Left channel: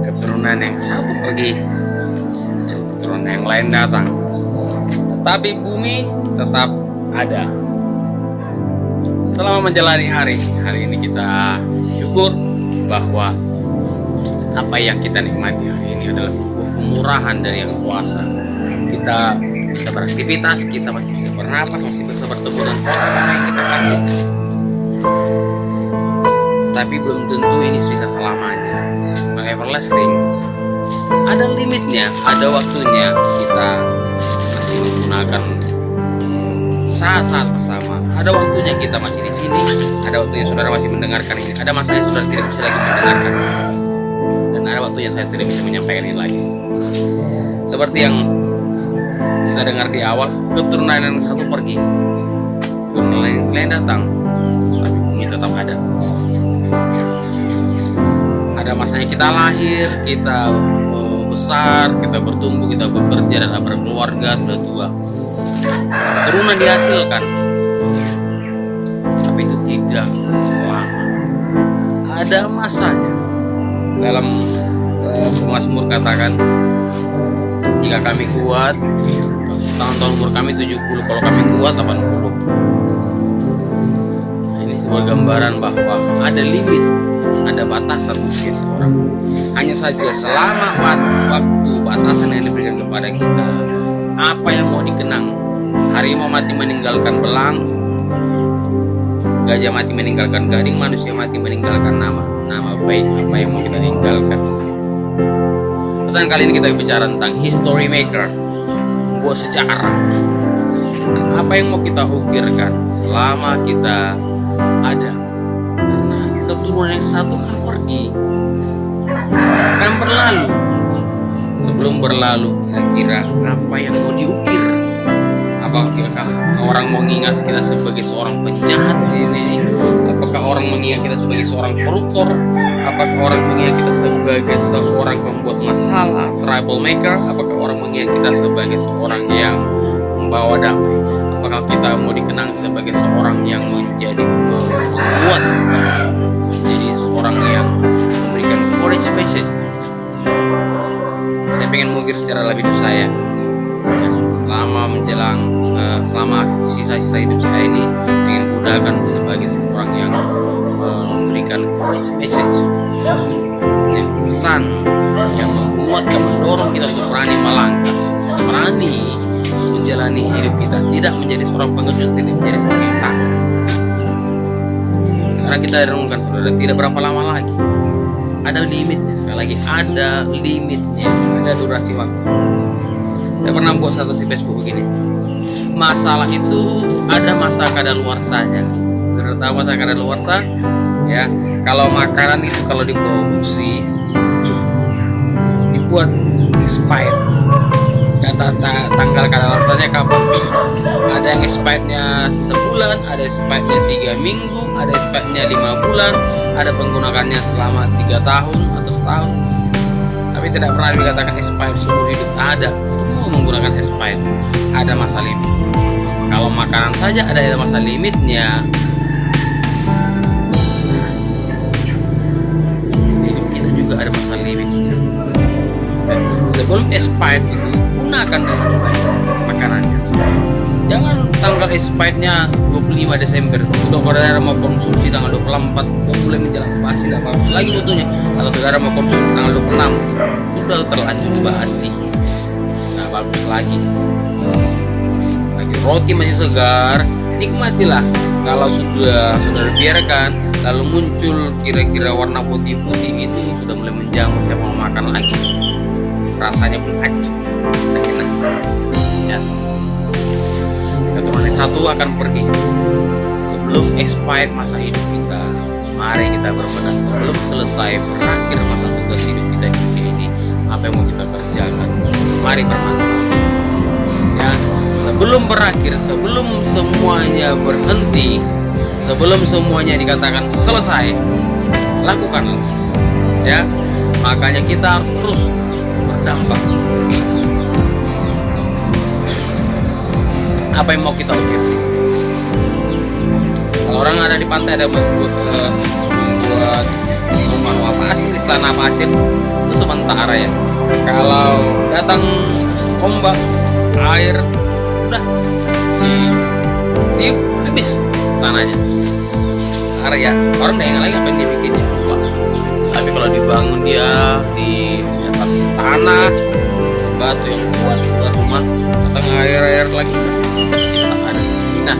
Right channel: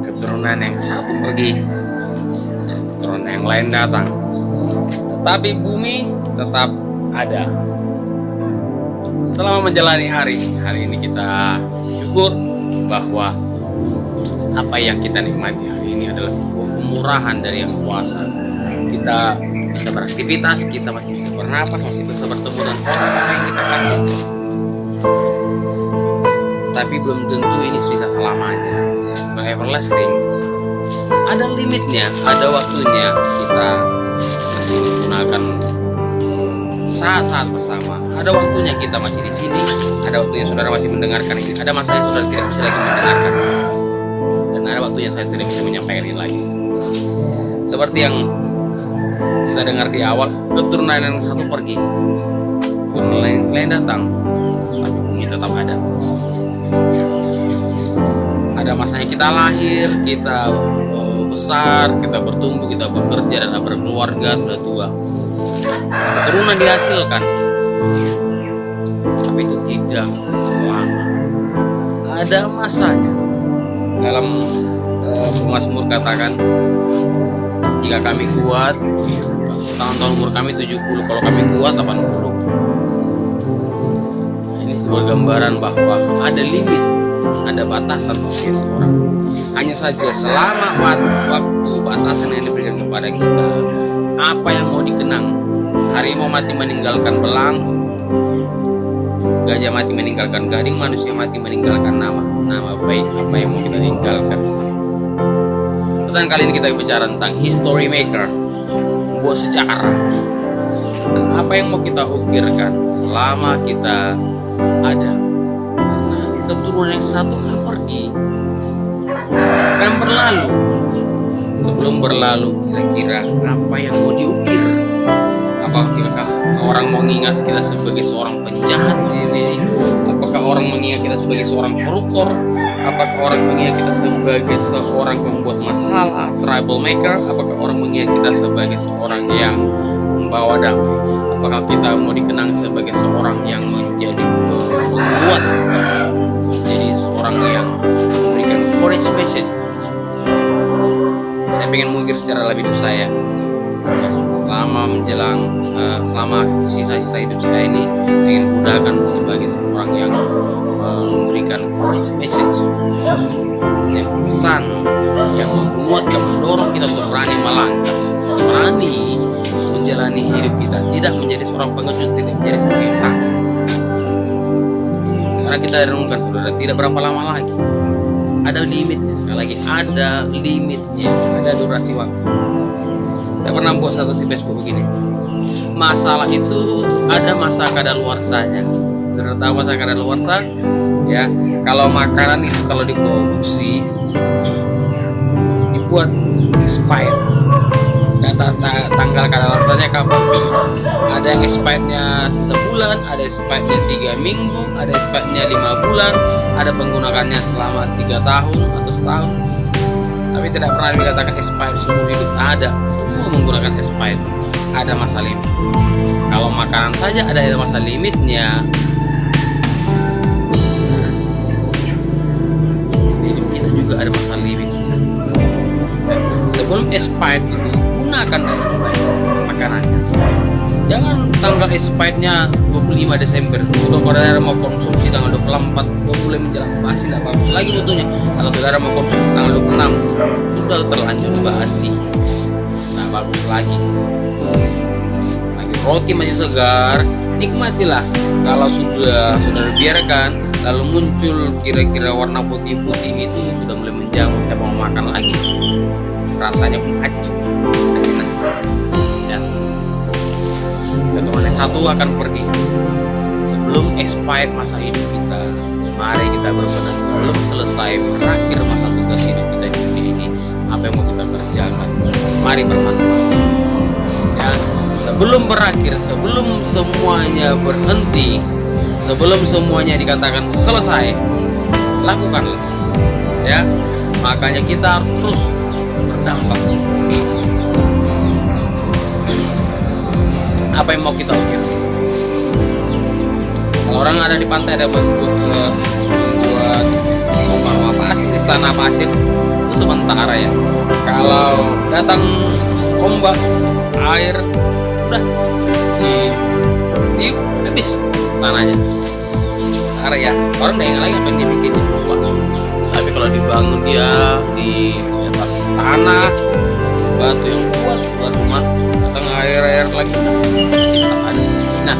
Keturunan yang satu pergi, keturunan yang lain datang, tetapi bumi tetap ada. Selama menjalani hari ini kita syukur bahwa apa yang kita nikmati hari ini adalah sebuah kemurahan dari Yang Kuasa. Kita bisa beraktivitas, kita masih bisa bernapas, masih bisa bertemu dengan orang yang kita kasih. Tapi belum tentu ini bisa selamanya. Bang everlasting, ada limitnya, ada waktunya. Kita masih menggunakan saat-saat bersama. Ada waktunya kita masih di sini, ada waktunya saudara masih mendengarkan ini, ada masanya saudara tidak bisa lagi mendengarkan, dan ada waktunya saya tidak bisa menyampaikan ini lagi. Seperti yang kita dengar di awal, keturunan yang satu pergi, keturunan lain datang, tapi bumi tetap ada. Ada masanya kita lahir, kita besar, kita bertumbuh, kita bekerja dan berkeluarga, sudah tua, keturunan dihasilkan, tapi itu tidak lama. Ada masanya. Dalam Mazmur katakan, jika kami kuat, tahun-tahun umur kami 70, kalau kami kuat 80. Nah, ini sebuah gambaran bahwa ada limit, ada batasan usia seorang. Hanya saja selama waktu batasan yang diberikan kepada kita, apa yang mau dikenang. Harimau mati meninggalkan belang, gajah mati meninggalkan gading, manusia mati meninggalkan nama baik. Apa yang mau kita tinggalkan? Pesan kali ini kita bicara tentang history maker, membuat sejarah. Dan apa yang mau kita ukirkan selama kita ada? Karena keturunan yang satu akan pergi, akan berlalu. Sebelum berlalu, kira-kira apa yang mau diukir? Apakah orang mau mengingat kita sebagai seorang penjahat ini? Apakah orang mengingat kita sebagai seorang koruptor? Apakah orang mengingat kita sebagai seorang pembuat masalah, troublemaker? Apakah orang mengingat kita sebagai seorang yang membawa damai? Apakah kita mau dikenang sebagai seorang yang menjadi penguat, jadi seorang yang memberikan courage message? Saya pengen mengukir secara lebih hidup saya. Selama sisa-sisa hidup saya ini ingin gunakan sebagai seorang yang memberikan courage message, yang pesan yang menguatkan, mendorong kita untuk berani melangkah, berani menjalani hidup kita, tidak menjadi seorang pengecut, tidak menjadi seorang yang takut. Karena kita renungkan saudara, tidak berapa lama lagi, ada limitnya. Sekali lagi, ada limitnya, ada durasi waktu. Saya pernah buat status di Facebook begini, masalah itu ada masa kadaluarsanya. Sudah tahu masa kadaluarsa? Ya, kalau makanan itu kalau diproduksi dibuat expired, data tanggal kadaluarsanya kapan? Ada yang expirednya sebulan, ada expirednya 3 minggu, ada expirednya 5 bulan, ada penggunakannya selama 3 tahun atau setahun. Tapi tidak pernah dikatakan expired seumur hidup. Ada, semua menggunakan expired. Ada masa limit. Kalau makanan saja ada masa limitnya. Hidup kita juga ada masa limitnya. Sebelum expired itu, gunakan dengan baik makanannya. Jangan tanggal expirednya 25 Desember, sudah saudara mau konsumsi tanggal 24, udah mulai menjelang basi, tidak bagus lagi butuhnya. Kalau saudara mau konsumsi tanggal 26, sudah terlanjur basi, tidak bagus lagi. Lagi roti masih segar, nikmatilah. Kalau sudah saudara biarkan, lalu muncul kira-kira warna putih-putih itu, sudah mulai menjamur, siapa mau makan lagi? Rasanya pun acuh, tidak enak. Ya. Keturunan yang satu akan pergi. Sebelum expired masa hidup kita, mari kita berbenah. Sebelum selesai berakhir masa tugas hidup kita di dunia ini, apa yang mau kita kerjakan, mari bermanfaat. Ya, sebelum berakhir, sebelum semuanya berhenti, sebelum semuanya dikatakan selesai, lakukanlah. Ya, makanya kita harus terus berdampak. Apa yang mau kita ukir? Kalau orang ada di pantai, ada membuat rumah pasir, istana pasir, itu sementara ya. Kalau datang ombak, air, udah ditiup habis tanahnya. Area orang udah ingat lagi apa yang dia bikinnya, lupa. Tapi kalau dibangun dia di atas tanah, batu yang kuat buat rumah, datang air lagi, kita ada. Nah,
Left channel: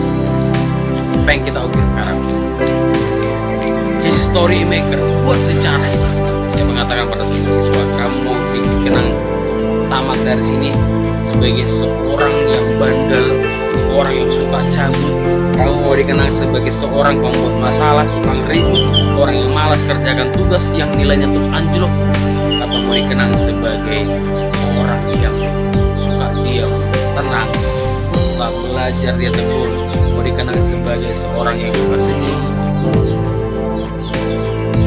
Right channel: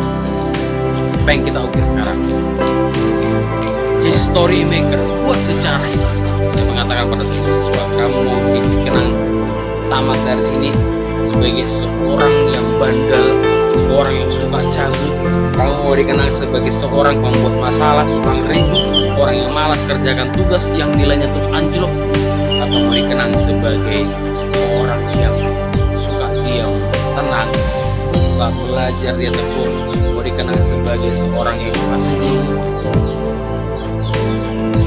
apa yang kita ukir sekarang? History maker, buat sejarah ini. Saya mengatakan pada semua siswa, kamu mau dikenang tamat dari sini sebagai seorang yang bandel, orang yang suka cabut, kamu mau dikenang sebagai seorang pembuat masalah, tukang ribut, orang yang malas kerjakan tugas yang nilainya terus anjlok, atau mau dikenang sebagai orang yang suka diam, tenang saat belajar, dia tekun, mau dikenang sebagai seorang yang suka senyum.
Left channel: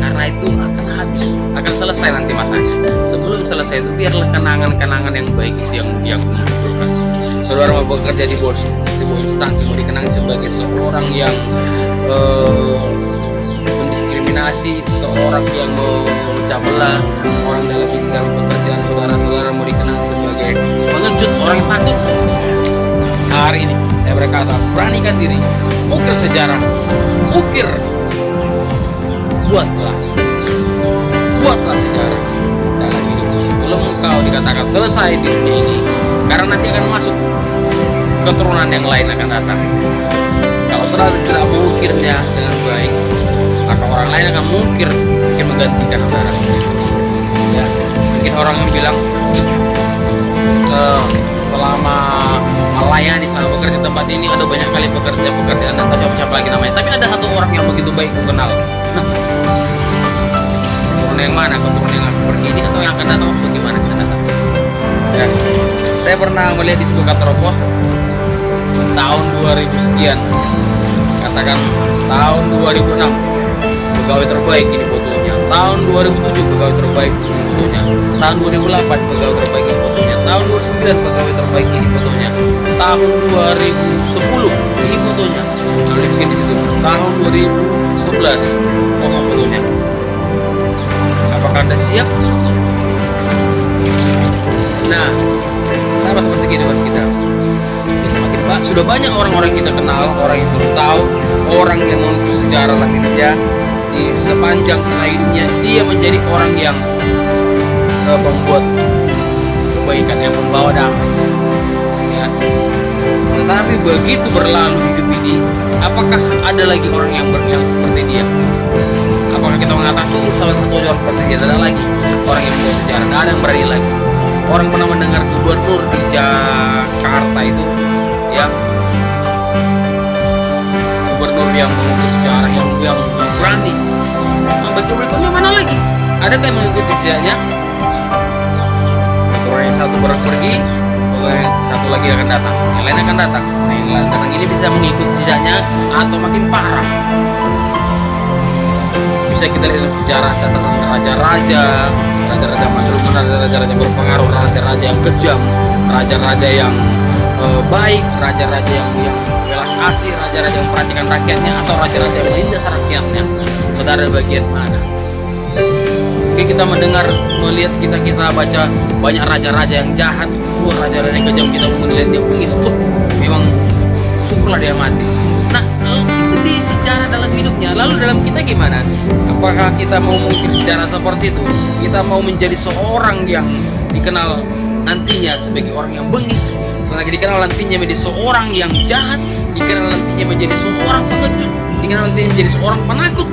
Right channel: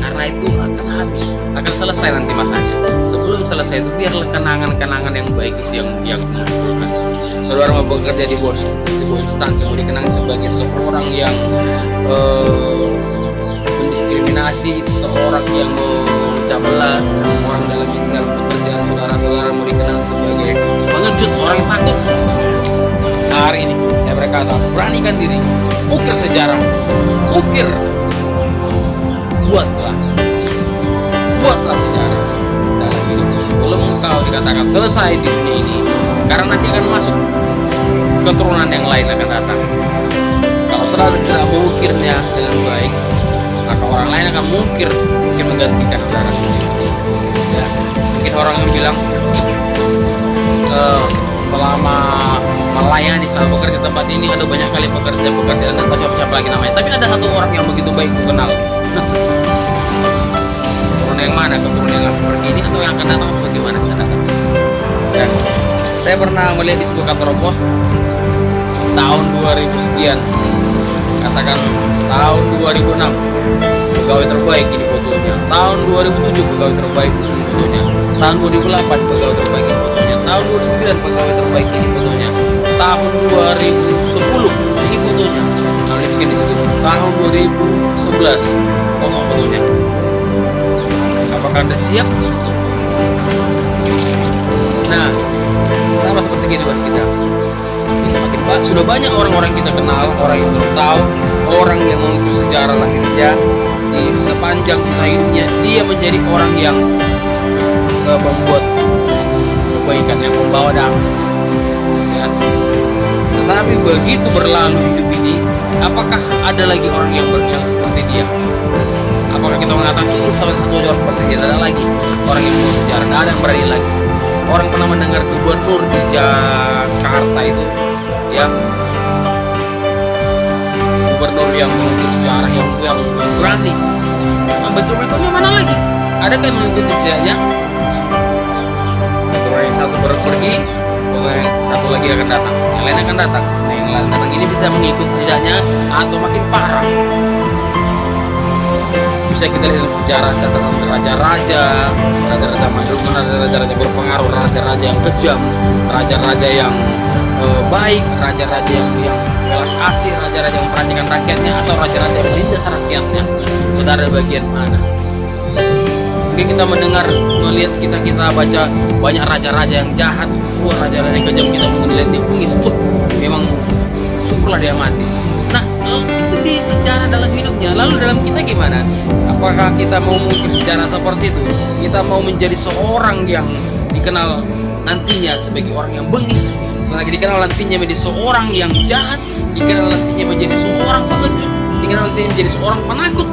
Karena itu akan habis, akan selesai nanti masanya. Sebelum selesai itu biarlah kenangan-kenangan yang baik itu yang dimunculkan. Saudara mau bekerja di sebuah instansi, mau dikenang sebagai seorang yang mendiskriminasi, seorang yang memecah belah orang dalam pekerjaan saudara mau dikenang sebagai pengejut, orang yang takut. Hari ini saya berkata, beranikan diri, ukir sejarah, ukir, buatlah sejarah dalam hidupmu sebelum engkau dikatakan selesai di dunia ini, karena nanti akan masuk keturunan yang lain akan datang. Kalau saudara tidak mengukirnya dengan baik, maka orang lain akan mungkin menggantikan saudara. Ya, mungkin orang yang bilang selama melayani, selama bekerja di tempat ini ada banyak kali pekerjaan dan siapa lagi namanya. Tapi ada satu orang yang begitu baik ku kenal. Nah, keturunan yang mana? Keturunan yang akan pergi ini atau yang akan datang atau bagaimana kita datang? Ya, saya pernah melihat di sebuah kantor pos tahun 2000 sekian, katakan tahun 2006 pegawai terbaik ini fotonya, tahun 2007 pegawai terbaik ini fotonya, tahun 2008 pegawai terbaik ini fotonya, tahun 2009 pegawai terbaik ini fotonya, tahun 2010 ini fotonya, lalu dibikin di situ tahun 2011 fotonya. Apakah Anda siap? Nah, sama seperti kehidupan kita. Semakin sudah banyak orang-orang yang kita kenal, orang yang belum tahu, orang yang mengukir sejarah lahirnya di sepanjang kisah hidupnya, dia menjadi orang yang membuat kebaikan, yang membawa damai. Ya. Tetapi begitu berlalu hidup ini, apakah ada lagi orang yang seperti dia? Apakah kita mengatakan cukup sampai satu orang seperti dia? Tidak ada lagi orang yang membuat sejarah, tidak ada yang berani lagi. Orang pernah mendengar gubernur di Jakarta itu, ya, gubernur yang mengikuti sejarah, yang berani. Nah, berikutnya mana lagi? Adakah yang mengikuti sejarahnya? Orang yang satu baru pergi, yang satu lagi akan datang, yang lain akan datang. Nah, yang lain datang ini bisa mengikuti jejaknya atau makin parah. Bisa kita lihat dalam sejarah catatan raja-raja mandul, raja-raja berpengaruh, raja-raja yang kejam, raja-raja yang baik, raja-raja yang belas asih, raja-raja yang memperhatikan rakyatnya, atau raja-raja yang menindas rakyatnya. Saudara bagian mana? Mungkin kita melihat kisah-kisah, baca banyak raja-raja yang jahat, raja-raja yang kejam, kita melihat dia bungis, memang syukurlah dia mati. Nah, itu di sejarah dalam hidupnya. Lalu dalam kita gimana? Apakah kita mau mengukir sejarah seperti itu? Kita mau menjadi seorang yang dikenal nantinya sebagai orang yang bengis, dikenal nantinya menjadi seorang yang jahat, dikenal nantinya menjadi seorang pengecut, dikenal nantinya menjadi seorang penakut?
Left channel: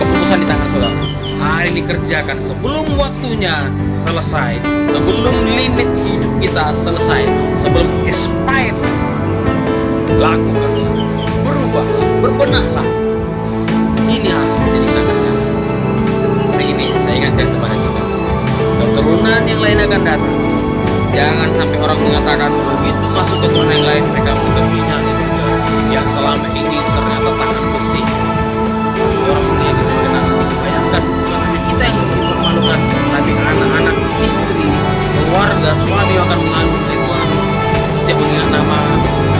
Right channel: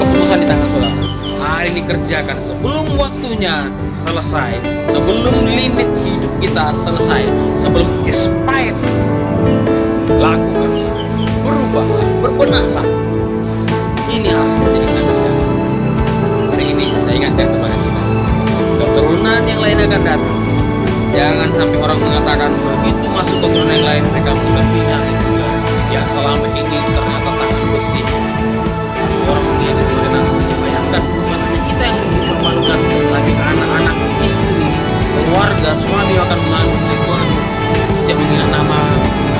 Keputusan di tangan saudara. Hari ini kerjakan sebelum waktunya selesai, sebelum limit hidup kita selesai, sebelum expired. Lakukanlah, berubahlah, berbenahlah. Ini harus menjadi kita kerjakan. Hari ini saya ingatkan kepada kita, keturunan yang lain akan datang. Jangan sampai orang mengatakan begitu masuk keturunan yang lain mereka menghina itu yang selama ini ternyata tangan besi. Lalu orang melihat itu bagaimana? Bayangkan, bukan hanya kita yang dipermalukan, tapi anak-anak, istri, keluarga, suami akan mengalami Tuhan. Tidak mengingat nama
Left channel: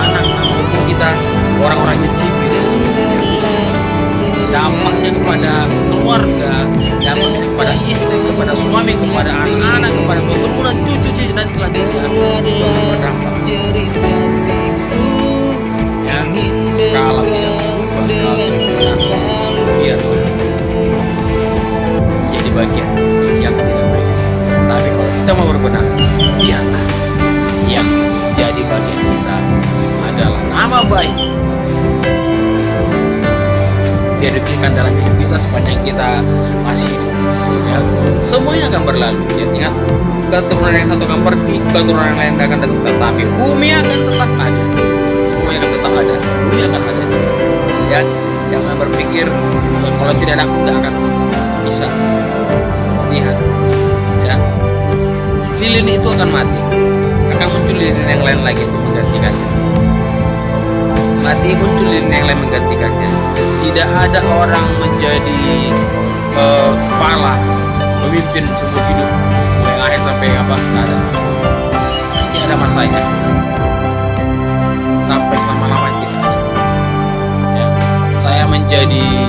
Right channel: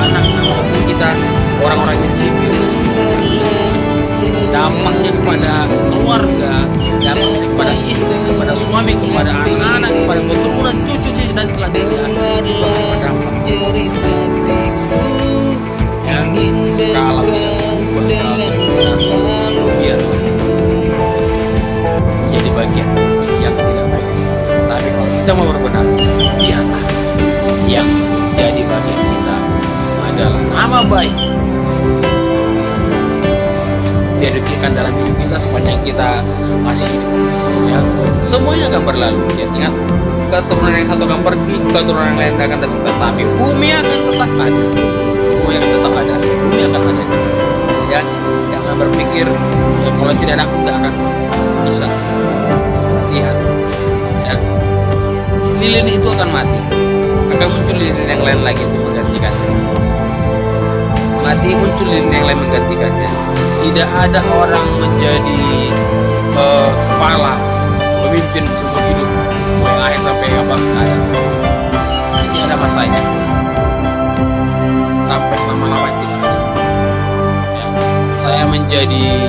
anak, nama hukum kita, orang-orang yang cibir, dampaknya kepada keluarga, dampaknya kepada kepada istri, kepada suami, kepada anak-anak, kepada keturunan, cucu dan selanjutnya berdampak. Ya, kalau tidak berubah, kalau tidak berubah, biarlah jadi bagian yang tidak baik. Tapi kalau kita mau berbenah, biarlah yang jadi bagian kita adalah nama baik. Dirugikan dalam hidup kita sepanjang kita masih hidup, ya. Semuanya akan berlalu. Ya, ingat, keturunan yang satu akan pergi, keturunan yang lain akan datang, tetapi bumi akan tetap ada. Bumi akan tetap ada. Bumi akan ada. Ya, jangan berpikir ya, kalau tidak ada aku tidak akan bisa. Lihat, ya, lilin itu akan mati. Akan muncul lilin yang lain lagi untuk menggantikannya. Mati, muncul lilin yang lain menggantikannya. Tidak ada orang menjadi kepala pemimpin seumur hidup mulai lahir sampai apa, tidak ada. Pasti ada masanya. Sampai selama-lamanya tidak ada. Ya, saya menjadi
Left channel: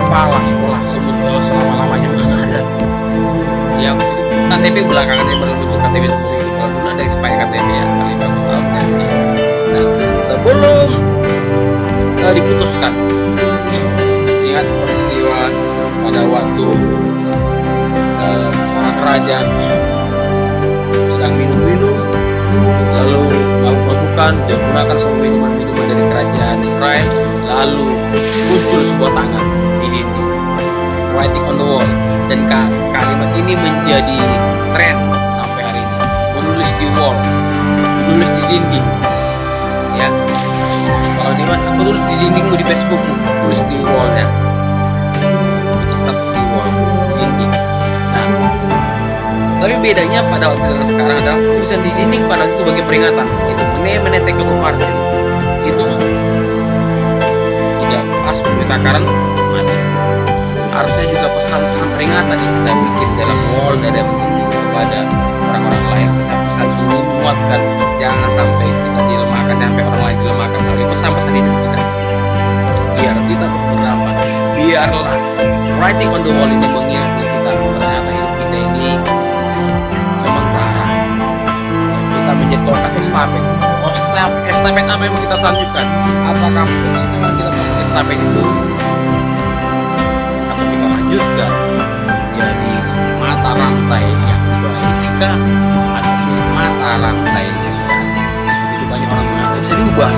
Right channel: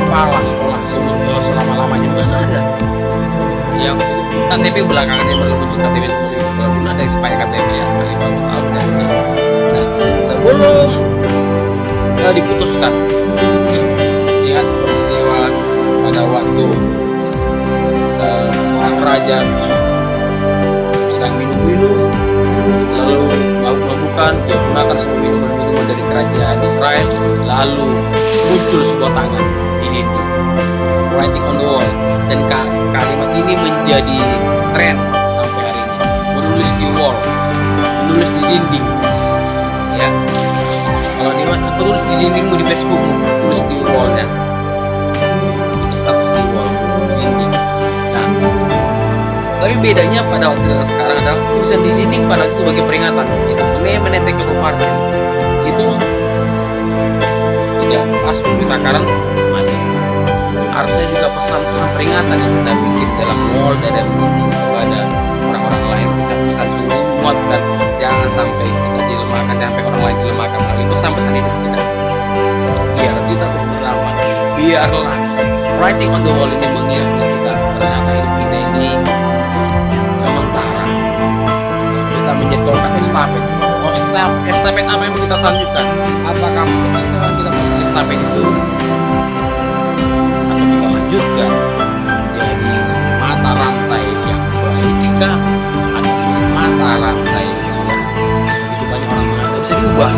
kepala sekolah selama-lamanya, mana ada. Yang itu KTP belakangan yang baru muncul, KTP seumur hidup. Kalau dulu ada expired KTP ya sekali berapa tahun ganti. Nah, sebelum diputuskan, ingat seperti pada waktu seorang raja sedang minum-minum lalu mabuk-mabukan, dia gunakan semua minuman-minuman dari kerajaan Israel, lalu muncul sebuah tangan di dinding, writing on the wall, dan kalimat ini menjadi tren sampai hari ini. Menulis di wall, menulis di dinding, ya. Kalau di mana aku tulis di dindingmu di Facebookmu, tulis di wallnya, bikin status di wall, di dinding. Nah, tapi bedanya pada waktu dengan sekarang adalah tulisan di dinding pada waktu itu sebagai peringatan, itu menete keluarsin, itu tidak pas memberitakan mati. Harusnya juga pesan-pesan peringatan yang kita bikin dalam wall dan dinding kepada orang-orang lain, pesan-pesan itu menguatkan, jangan sampai kita dilemahkan, sampai orang lain dilemahkan melalui pesan-pesan hidup kita. Biar kita terus berdampak. Biarlah writing on the wall ini mengingatkan kita ternyata hidup kita ini sementara. Kita menjadi tongkat estafet. Estafet apa yang mau kita lanjutkan? Apakah fungsi Tuhan kita tongkat estafet itu, atau kita lanjutkan menjadi mata rantai yang baik, atau mata rantai yang jahat? Begitu banyak orang mengatakan bisa diubah.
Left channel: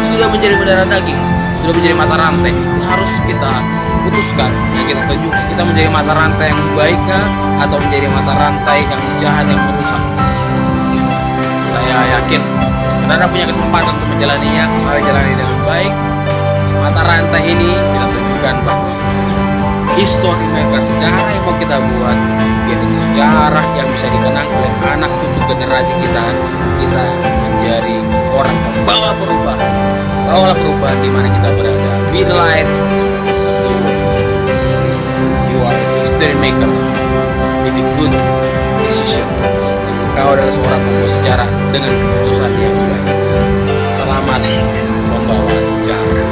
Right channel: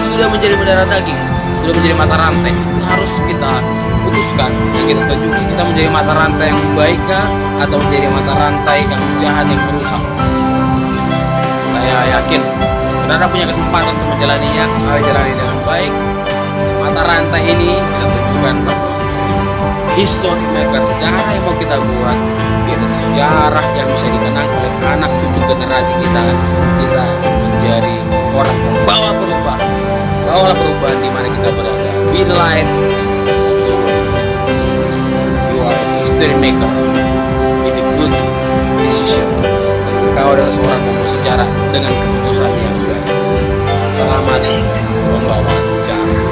Sudah menjadi mendarah daging, sudah menjadi mata rantai. Itu harus kita putuskan, yang kita tunjukkan. Kita menjadi mata rantai yang baik atau menjadi mata rantai yang jahat yang merusak? Saya yakin saudara punya kesempatan untuk menjalaninya. Mari jalani dengan baik. Mata rantai ini kita tunjukkan bahwa history maker, sejarah yang mau kita buat, biar itu sejarah yang bisa dikenang oleh anak cucu generasi kita. Kita menjadi orang pembawa perubahan. Bawalah perubahan di mana kita berada. Be the light of the world. You are a history maker with a good decision. Kau adalah seorang pembawa sejarah dengan keputusan yang baik. Selamat membawa sejarah.